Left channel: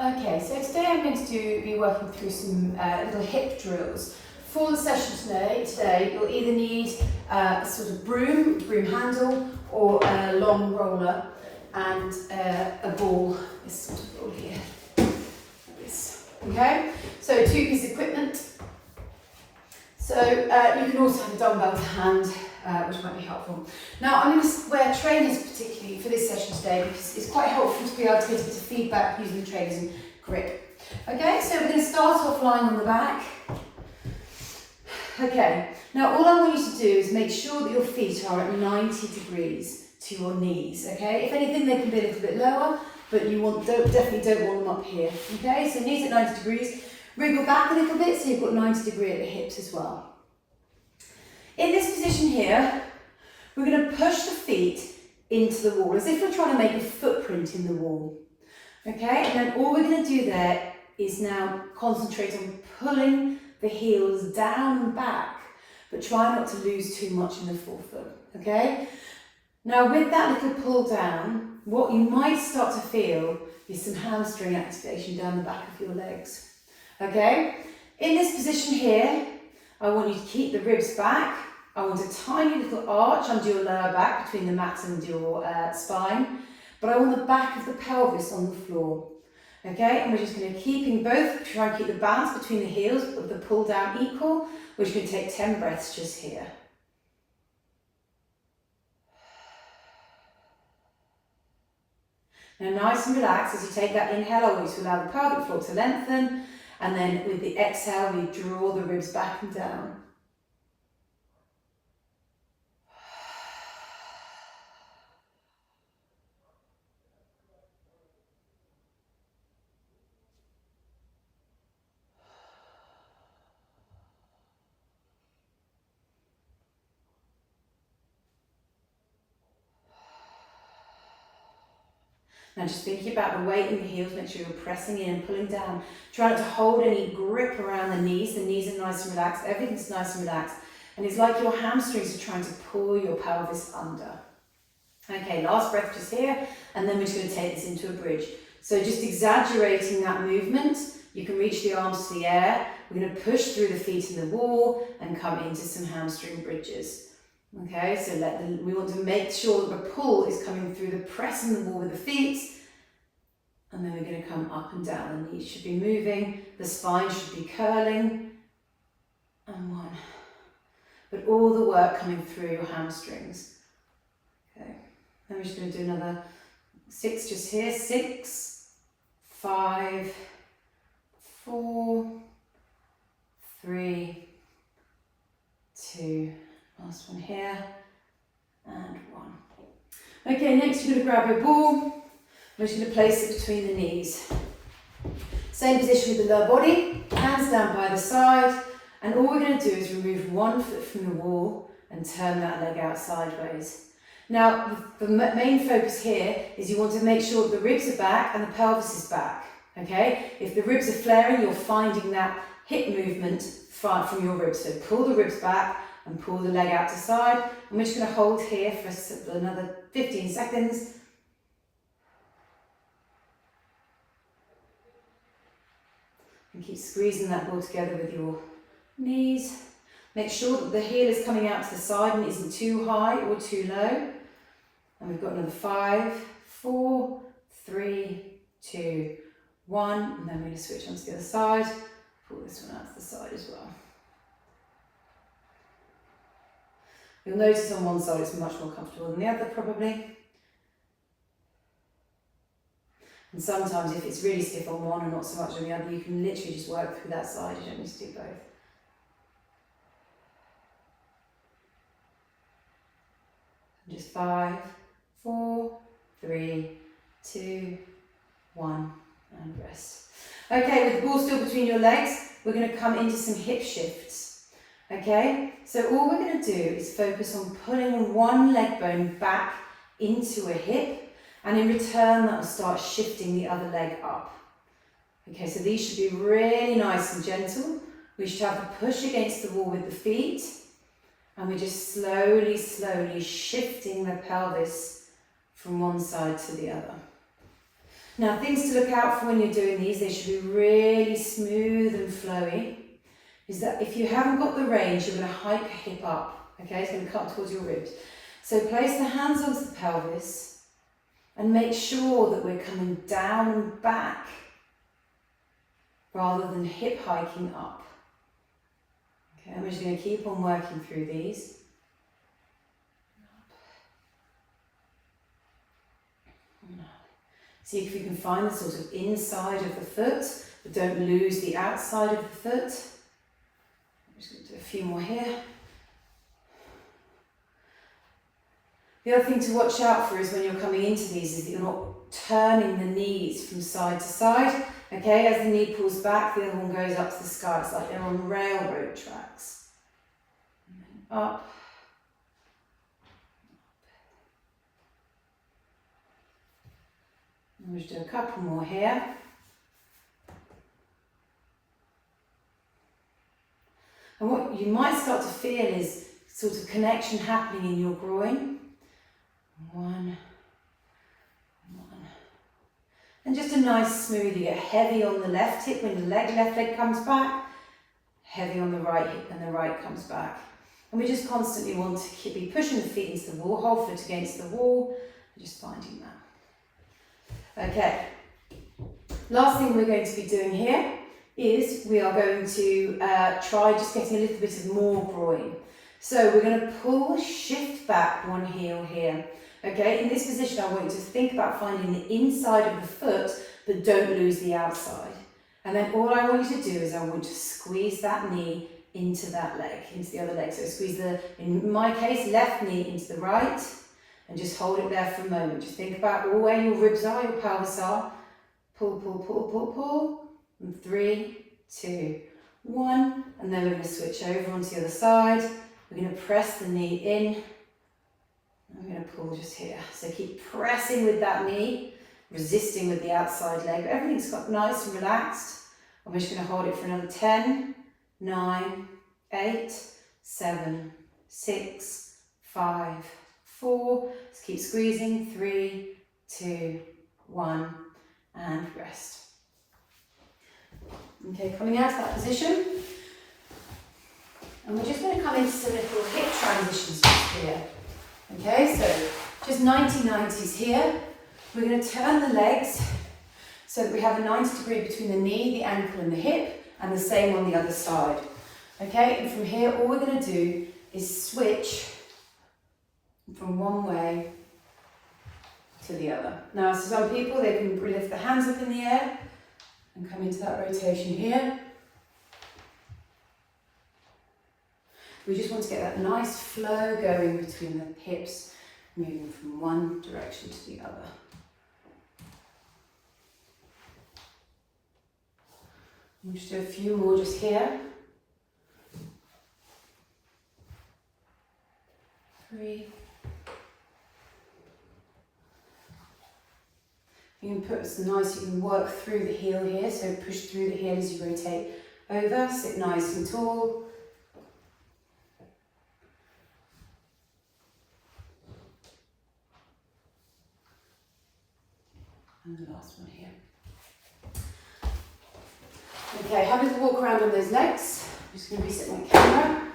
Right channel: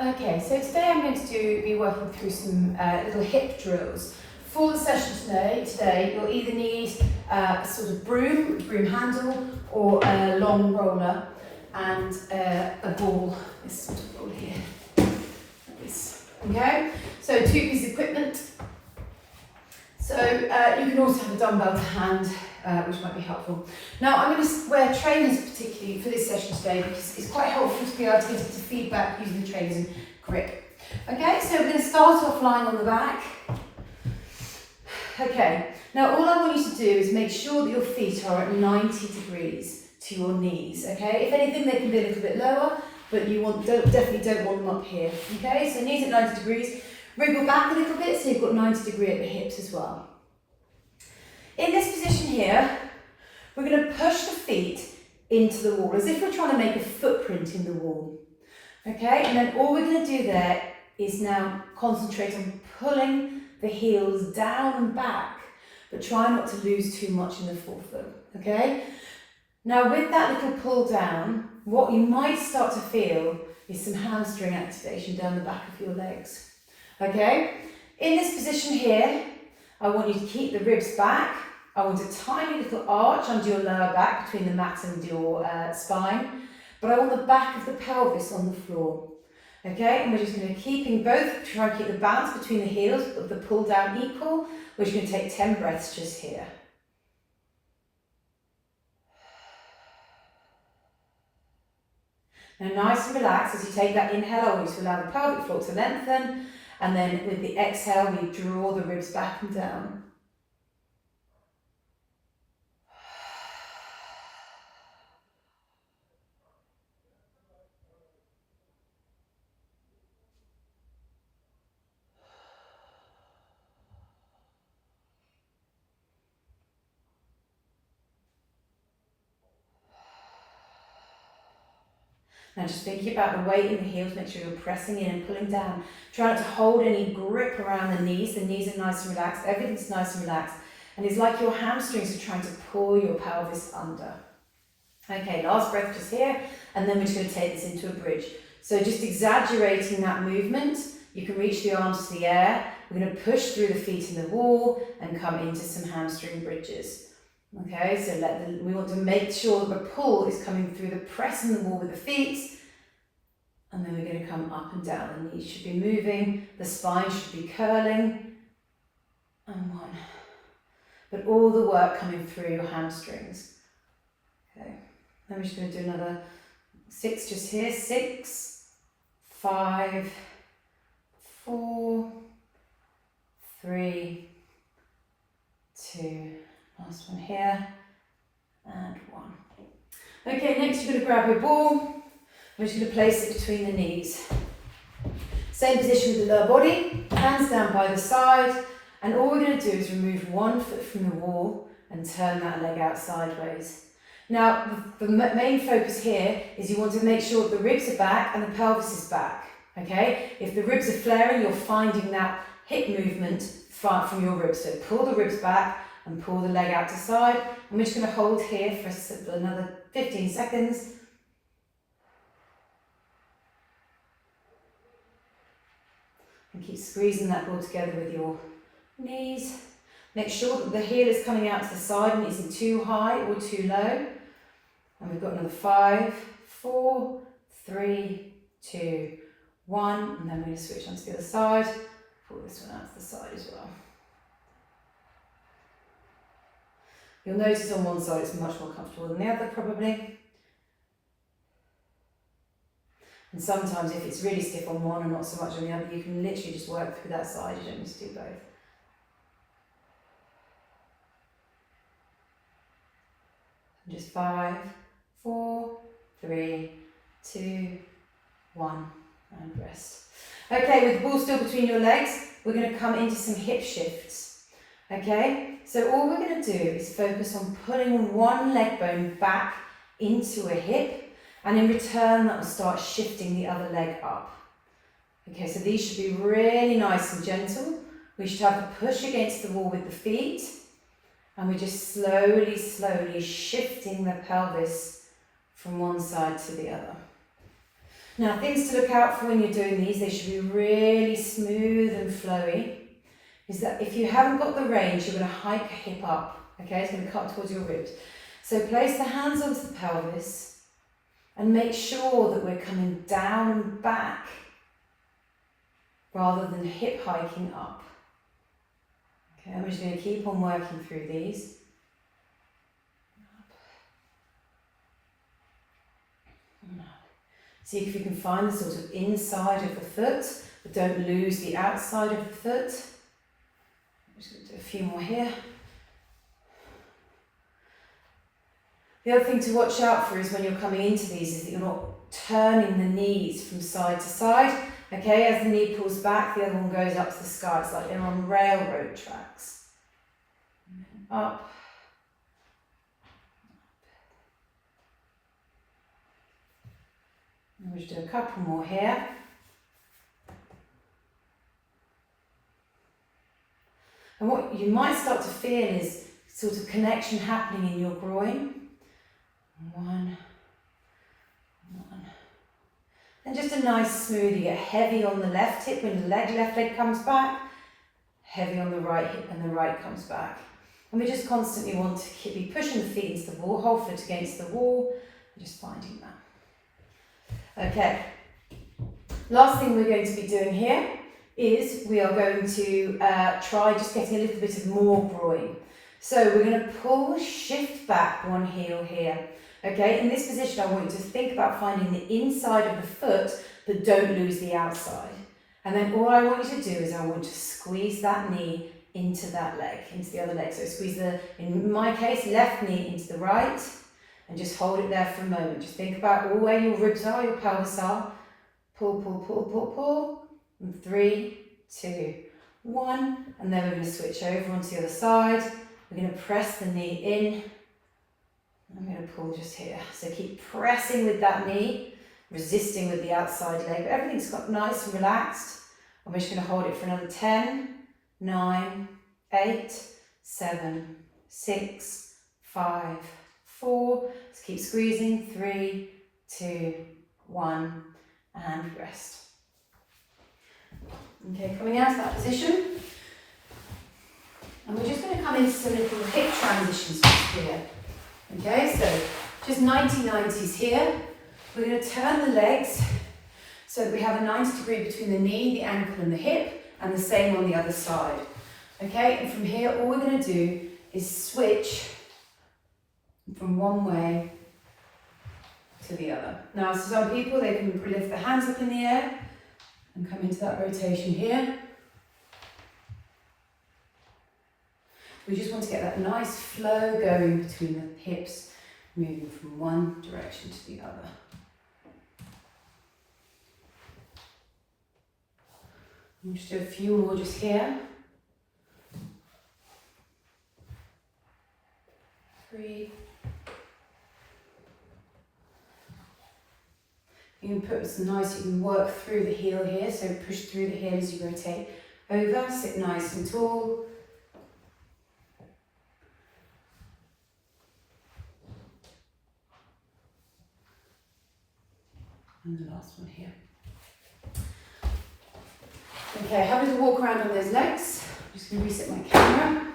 Okay, so today I'm going to be working through some little hip drills. For the session today you'll either need a sort of broom handle, or a long roller and a ball, this sort of ball here. Like this. Okay, so 2 pieces of equipment. So you can also have a dumbbell to hand, which might be helpful. Now I'm going to wear trainers particularly for this session today because it's quite helpful to be able to get into feedback using the trainers and grip. Okay, so we're going to start off lying on the back. Okay, now all I want you to do is make sure that your feet are at 90 degrees to your knees. Okay, if anything they can be a little bit lower, but you definitely don't want them up here. Okay, so knees at 90 degrees. Wriggle back a little bit so you've got 90 degree at the hips as well. In this position here, we're going to push the feet into the wall as if we're trying to make a footprint in the wall. Okay, and then all we're going to do there is now concentrate on pulling the heels down and back, but try not to lose too much in the forefoot. Okay, now with that little pull down, what you might start to feel is some hamstring activation down the back of your legs. Okay, in this position here, I want you to keep the ribs back. I want a tiny little arch under your lower back between the mat and your spine, but I want the back of the pelvis on the floor. Okay, and we're just going to try and keep the balance between the heels of the pull down equal. We're just going to take 10 breaths just here. Now nice and relaxed as you take that inhale, I want you to allow the pelvic floor to lengthen. And then with the exhale, we draw the ribs back and down. And just thinking about the weight in the heels, make sure you're pressing in and pulling down. Try not to hold any grip around the knees are nice and relaxed, everything's nice and relaxed. And it's like your hamstrings are trying to pull your pelvis under. Okay, last breath just here, and then we're just going to take this into a bridge. So just exaggerating that movement, you can reach the arms to the air. We're going to push through the feet in the wall and come into some hamstring bridges. Okay, so we want to make sure that the pull is coming through the press in the wall with the feet, and then we're going to come up and down. The knees should be moving, the spine should be curling, and 1. But all the work coming through your hamstrings. Okay, then we're just going to do another 6 just here. 6, 5, 4, 3, 2. Last one here, and 1. Okay, next you're going to grab your ball. We're just going to place it between the knees. Same position with the lower body, hands down by the side, and all we're going to do is remove 1 foot from the wall and turn that leg out sideways. Now, the main focus here is you want to make sure the ribs are back and the pelvis is back. Okay, if the ribs are flaring, you're finding that hip movement from your ribs. So pull the ribs back and pull the leg out to side. And we're just going to hold here for another 15 seconds. And keep squeezing that ball together with your knees. Make sure that the heel is coming out to the side and it isn't too high or too low. And we've got another 5, 4, 3, 2, 1. And then we're going to switch onto the other side. Pull this one out to the side as well. You'll notice on one side it's much more comfortable than the other probably. And sometimes if it's really stiff on one and not so much on the other, you can literally just work through that side, you don't need to do both. And just 5, 4, 3, 2, 1, and rest. Okay, with the ball still between your legs, we're going to come into some hip shifts. Okay, so all we're going to do is focus on pulling one leg bone back into a hip, and in return that will start shifting the other leg up. Okay, so these should be really nice and gentle. We should have a push against the wall with the feet, and we're just slowly shifting the pelvis from one side to the other. Now, things to look out for when you're doing these, they should be really smooth and flowy. Is that if you haven't got the range, you're going to hike your hip up, okay? It's going to cut towards your ribs. So place the hands onto the pelvis and make sure that we're coming down and back rather than hip hiking up. Okay, I'm just going to keep on working through these. See if you can find the sort of inside of the foot, but don't lose the outside of the foot. I'm just going to do a few more here. The other thing to watch out for is when you're coming into these is that you're not turning the knees from side to side. Okay, as the knee pulls back, the other one goes up to the sky. It's like you're on railroad tracks. Up. We'll just do a couple more here. And what you might start to feel is sort of connection happening in your groin. One. And just a nice smooth, you get heavy on the left hip when the left leg comes back, heavy on the right hip when the right comes back. And we just constantly want to be pushing the feet into the wall, whole foot against the wall, and just finding that. Okay, last thing we're going to be doing here is we are going to try just getting a little bit of more groin. So we're going to pull, shift back one heel here. Okay, in this position I want you to think about finding the inside of the foot, but don't lose the outside. And then all I want you to do is I want you to squeeze that knee into that leg, into the other leg. So squeeze in my case, left knee into the right, and just hold it there for a moment. Just think about where your ribs are, your pelvis are. Pull, pull, pull, pull, pull. And 3, 2, 1. And then we're going to switch over onto the other side. We're going to press the knee in. I'm going to pull just here. So keep pressing with that knee, resisting with the outside leg. Everything's got nice and relaxed. I'm just going to hold it for another 10, 9, 8, 7, 6, 5, 4. Just keep squeezing. 3, 2, 1, and rest. Okay, coming out of that position. And we're just going to come into some little hip transitions here. Okay, so just 90-90s here. We're going to turn the legs so that we have a 90 degree between the knee, the ankle and the hip, and the same on the other side. Okay, and from here all we're going to do is switch from one way to the other. Now, so some people, they can lift their hands up in the air and come into that rotation here. We just want to get that nice flow going between the hips, moving from one direction to the other. We'll just do a few more just here. 3. You can put some nice, you can work through the heel here, so push through the heel as you rotate over, sit nice and tall. And the last one here. Okay, have a little walk around on those legs. I'm just going to reset my camera.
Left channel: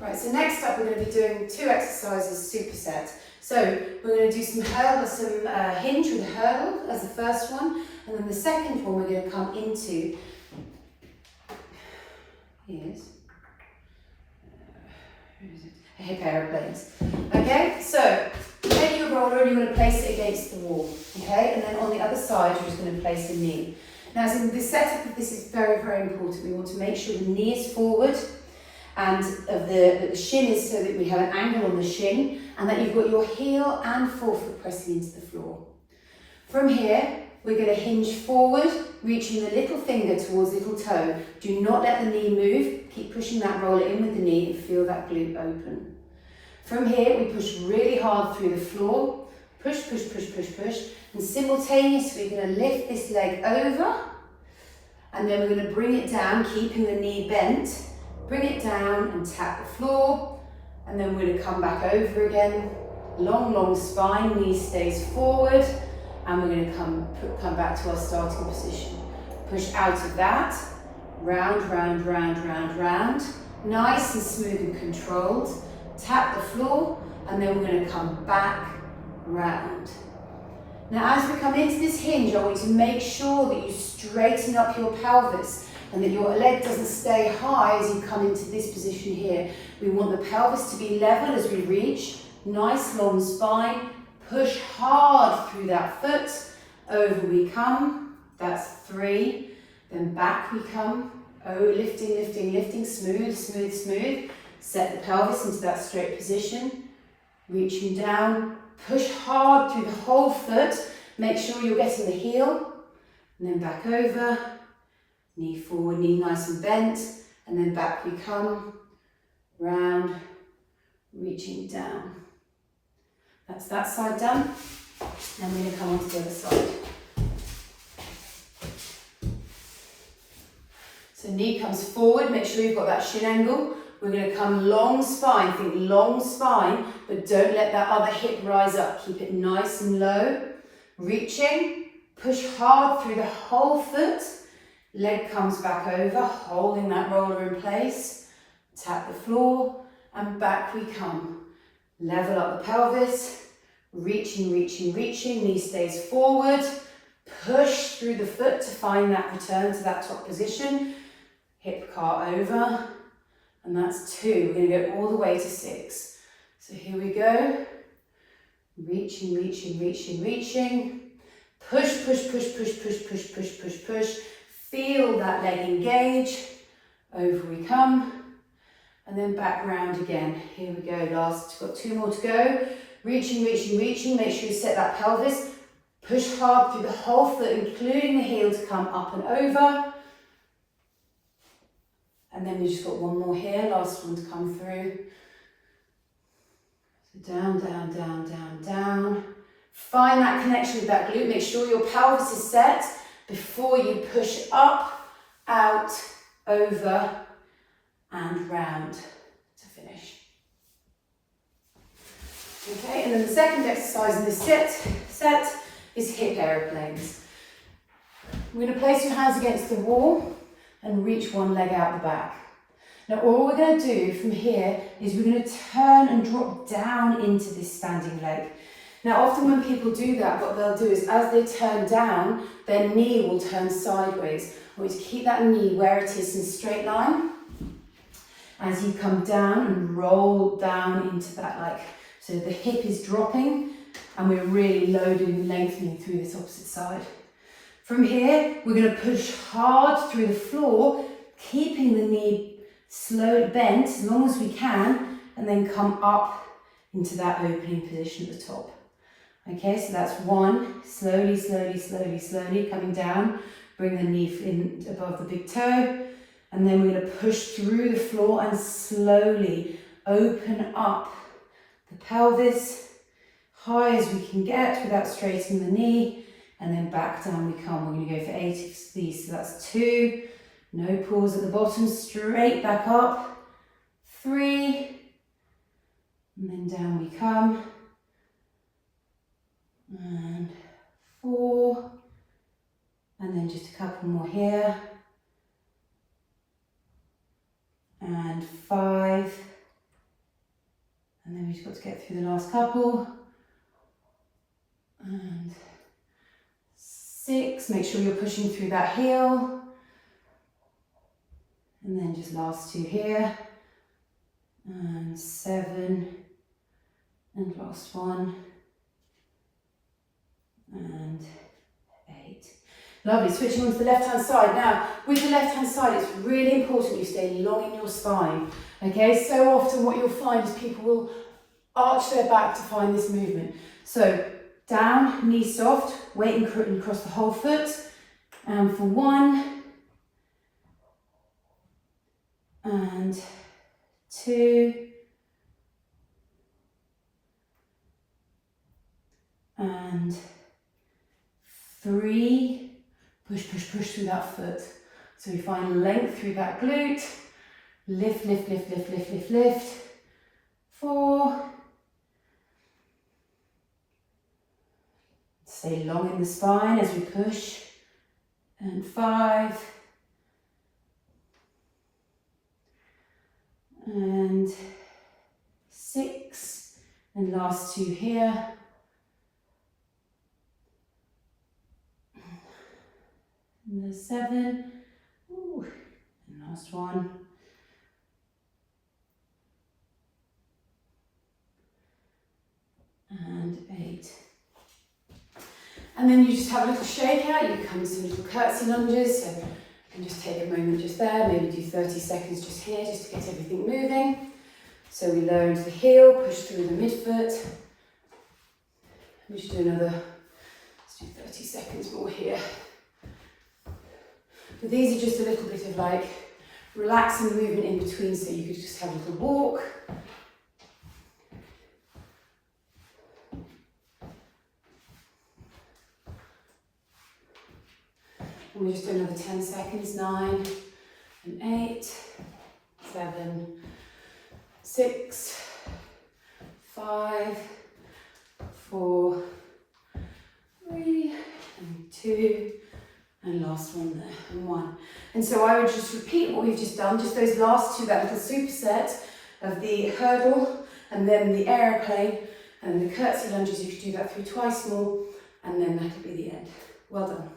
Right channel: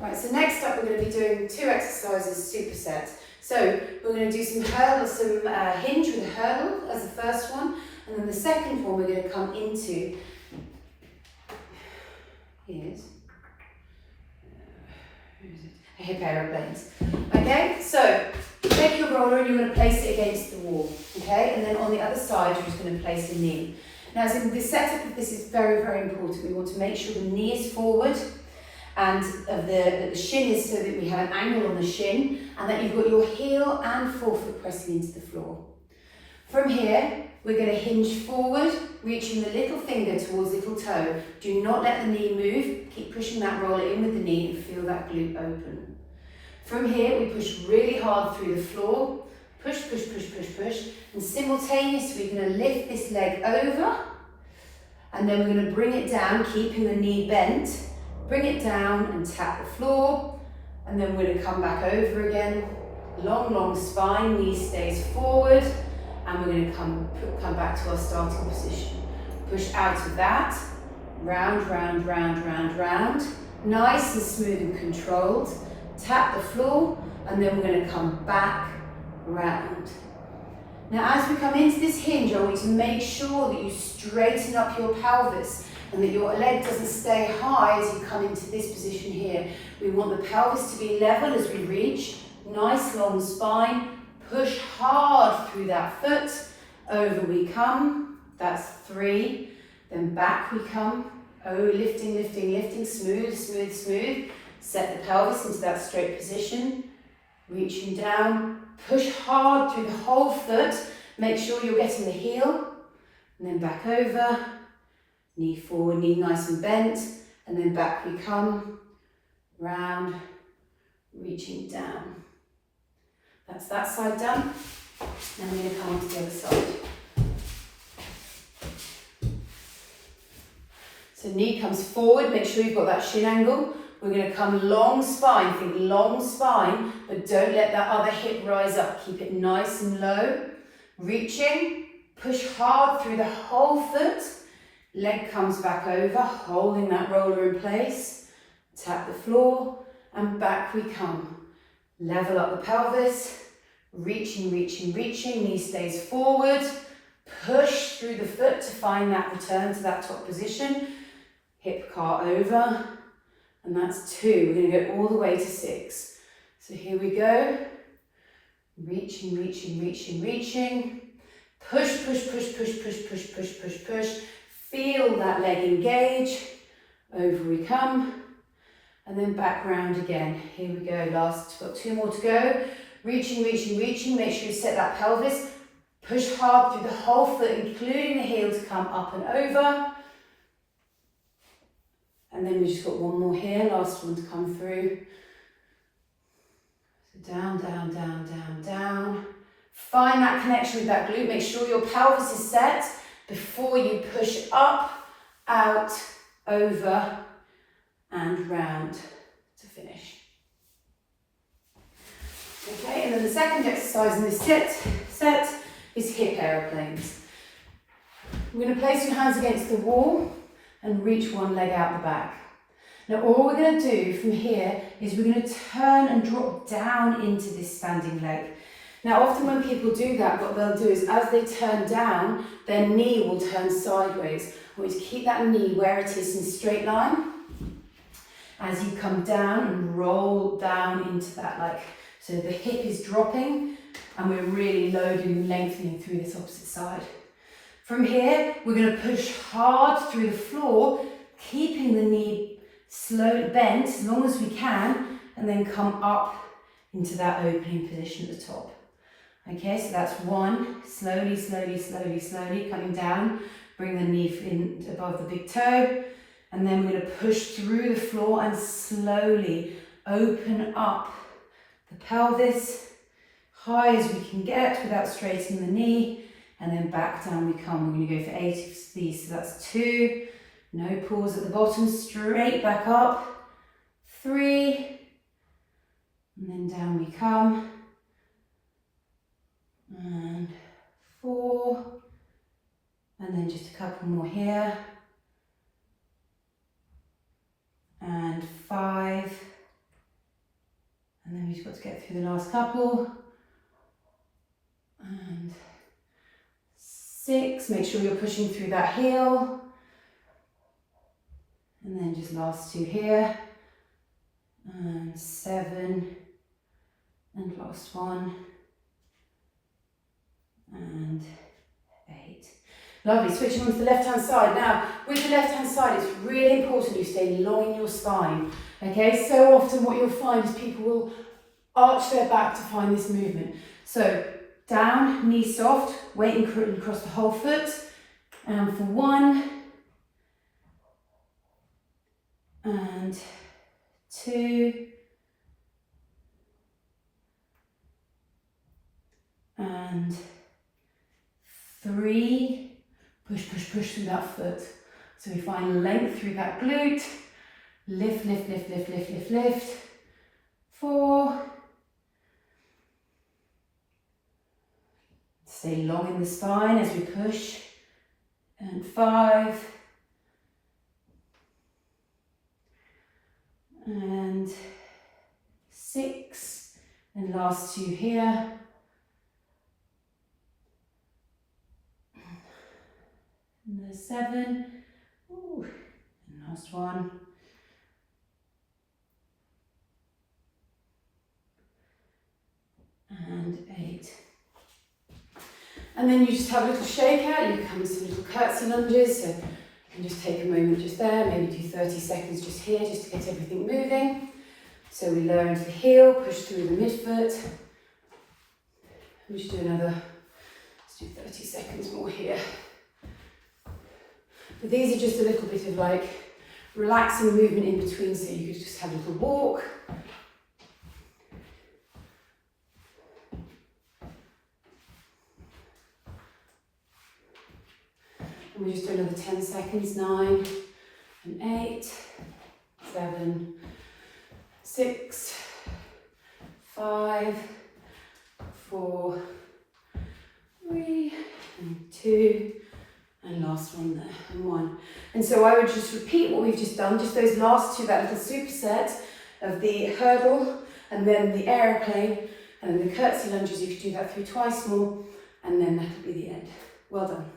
Right, so next up we're going to be doing 2 exercises, superset. So we're going to do some hinge with a hurdle as the first one, and then the second one we're going to come into is hip aeroplanes. Okay, so take your roller and you're going to place it against the wall. Okay, and then on the other side you're just going to place a knee. Now, so the setup of this is very, very important. We want to make sure the knee is forward and the shin is so that we have an angle on the shin, and that you've got your heel and forefoot pressing into the floor. From here, we're going to hinge forward, reaching the little finger towards little toe. Do not let the knee move. Keep pushing that roller in with the knee and feel that glute open. From here, we push really hard through the floor. Push, push, push, push, push. And simultaneously, we're going to lift this leg over. And then we're going to bring it down, keeping the knee bent. Bring it down and tap the floor, and then we're going to come back over again. Long, long spine, knee stays forward, and we're going to come back to our starting position. Push out of that, round, round, round, round, round. Nice and smooth and controlled. Tap the floor, and then we're going to come back, round. Now as we come into this hinge, I want you to make sure that you straighten up your pelvis and that your leg doesn't stay high as you come into this position here. We want the pelvis to be level as we reach. Nice long spine. Push hard through that foot. Over we come. That's 3. Then back we come. Oh, lifting, lifting, lifting. Smooth, smooth, smooth. Set the pelvis into that straight position. Reaching down. Push hard through the whole foot. Make sure you're getting the heel. And then back over. Knee forward, knee nice and bent. And then back we come. Round. Reaching down. That's that side done. Now we're going to come on to the other side. So knee comes forward. Make sure you've got that shin angle. We're going to come long spine, think long spine, but don't let that other hip rise up. Keep it nice and low. Reaching, push hard through the whole foot. Leg comes back over, holding that roller in place. Tap the floor, and back we come. Level up the pelvis. Reaching, reaching, reaching. Knee stays forward. Push through the foot to find that return to that top position. Hip car over. And that's 2. We're going to go all the way to 6. So here we go. Reaching, reaching, reaching, reaching. Push, push, push, push, push, push, push, push, push. Feel that leg engage. Over we come. And then back round again. Here we go. Last, got 2 more to go. Reaching, reaching, reaching. Make sure you set that pelvis. Push hard through the whole foot, including the heel, to come up and over. And then we just got 1 more here, last one to come through. So down, down, down, down, down. Find that connection with that glute. Make sure your pelvis is set before you push up, out, over, and round to finish. Okay, and then the second exercise in this set is hip aeroplanes. We're going to place your hands against the wall and reach one leg out the back. Now all we're going to do from here is we're going to turn and drop down into this standing leg. Now often when people do that, what they'll do is as they turn down, their knee will turn sideways. I want you to keep that knee where it is in a straight line. As you come down and roll down into that, so the hip is dropping and we're really loading and lengthening through this opposite side. From here, we're going to push hard through the floor, keeping the knee slow bent as long as we can, and then come up into that opening position at the top. Okay, so that's 1. Slowly, slowly, slowly, slowly coming down. Bring the knee in above the big toe, and then we're going to push through the floor and slowly open up the pelvis high as we can get without straightening the knee. And then back down we come. We're going to go for 8 of these. So that's 2. No pause at the bottom. Straight back up. 3. And then down we come. And 4. And then just a couple more here. And 5. And then we've just got to get through the last couple. And 6, make sure you're pushing through that heel. And then just last 2 here. And 7. And last 1. And 8. Lovely, switching on to the left hand side. Now, with the left hand side, it's really important you stay long in your spine. Okay, so often what you'll find is people will arch their back to find this movement. So, down, knee soft, weight and across the whole foot. And for 1, and 2, and 3. Push, push, push through that foot. So we find length through that glute. Lift, lift, lift, lift, lift, lift, lift. 4. Stay long in the spine as we push. And 5. And 6. And last 2 here. And there's 7. Ooh. And last 1. And 8. And then you just have a little shake out. You come into little curtsey lunges. So you can just take a moment just there, maybe do 30 seconds just here, just to get everything moving. So we lower into the heel, push through the midfoot. And just do another, let's do 30 seconds more here. But these are just a little bit of like relaxing movement in between, so you could just have a little walk. And we just do another 10 seconds, 9 and 8, 7, 6, 5, 4, 3, and 2, and last one there, and 1. And so I would just repeat what we've just done, just those last 2, that little superset of the hurdle, and then the aeroplane, and then the curtsey lunges. You could do that through twice more, and then that'll be the end. Well done.